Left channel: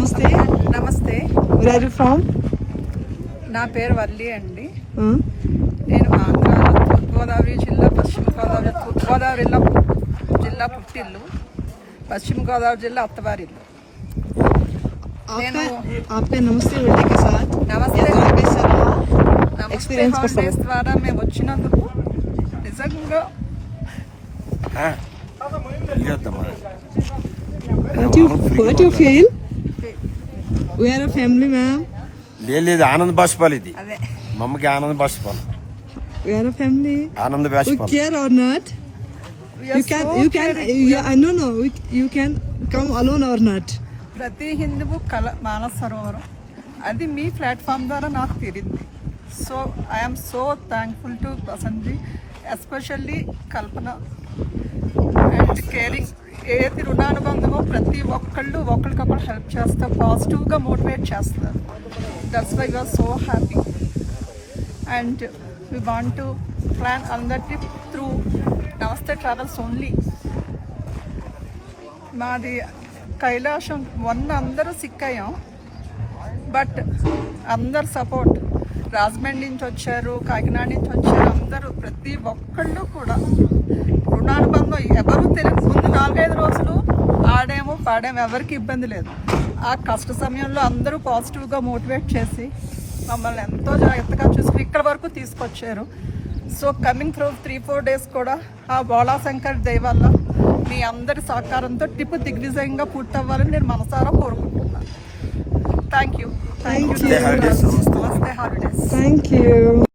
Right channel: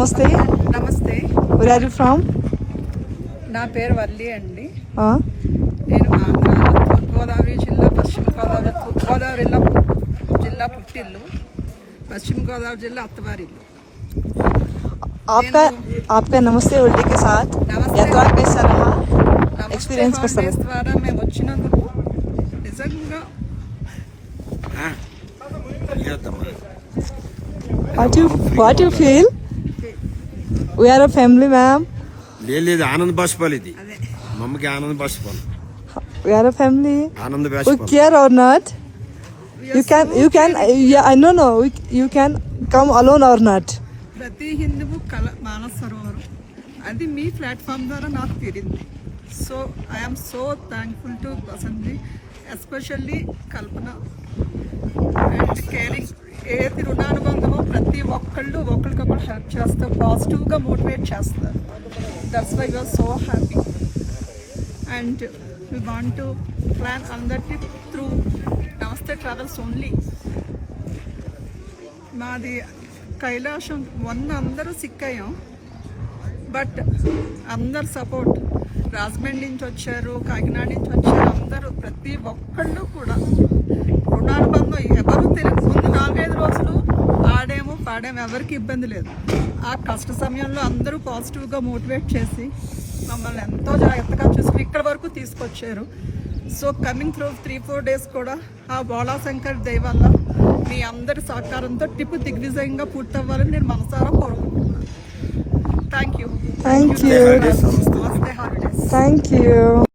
నమస్తే. నమస్తే. Where are you from? నా పేరు వల్లి అండి. నేను ఆంధ్రాలో తూర్పుగోదావరి జిల్లా, పశ్చిమ గోదావరి, తూర్పుగోదావరి జిల్లా పుట్టిల్లు, పశ్చిమ గోదావరి జిల్లా అత్తవారిల్లు. आपका नमस्ते होली के साथ నమస్తే एक्सपीरियंस హాలిడేస్ ద్వారా మేము వచ్చినందుకు నిజంగా what you feel? We are a family, ma'am. లేదు ఆనంద్ బాష్పాల్ ఇది అదే మమ్మకి Anand బాష్పాల్ We are a family. Anand We బాష్పాల్ care or not? You can yeah, no, you can come alone or not. ప్రతి హిందువు కల మానస సరోవరం అది మీ ప్లాట్ఫామ్ ద్వారా నాకు తీరింది. So I'm so thankful to Vasanthi, especially Kalpana and caring. ఏది రుణానుబంధమో ప్రతి ఒక్కళ్ళు ఒకరికొకరు హెల్ప్ చేస్తారు, పాజిటివ్గా మోటివేట్ చేస్తారు. That's why you're so happy and we want to plan another trip through Namaste travels only. మాది కైలాసం అందరూ సిక్ అయ్యాం, బట్ అందరు సపోర్ట్. రాజమండ్రి నుంచి వచ్చారు, కాకినాడ నుంచి వచ్చారు, అందరూ ప్రతి ఒక్కళ్ళు కూడా రుణానుబంధం. ఎవరు తెలియదు, ముందు 4-5 రోజులు ఆడేమో పాడేమో ఎవరికి ఇబ్బంది లేదు. ఆ కష్ట సమయంలో అందరూ పాజిటివ్గా మోటివేట్ చేసి మమ్మల్ని ఎంతో జాగ్రత్తగా చూసుకుని ఇక్కడ వరకు తీసుకొచ్చారు. సో కమింగ్ త్రూ 3-4 డేస్ కూడా ఆ బోళాశంకర్ దయ వల్ల మీ అందరి సహకారంతో ట్రిప్ దిగ్విజయంగా పూర్తవ్వాలని నేను మనసారా కోరుకుంటున్నాను. Thank you. Thank you. నమస్తే హాలిడేస్. నమస్తే హాలిడేస్. Thank you.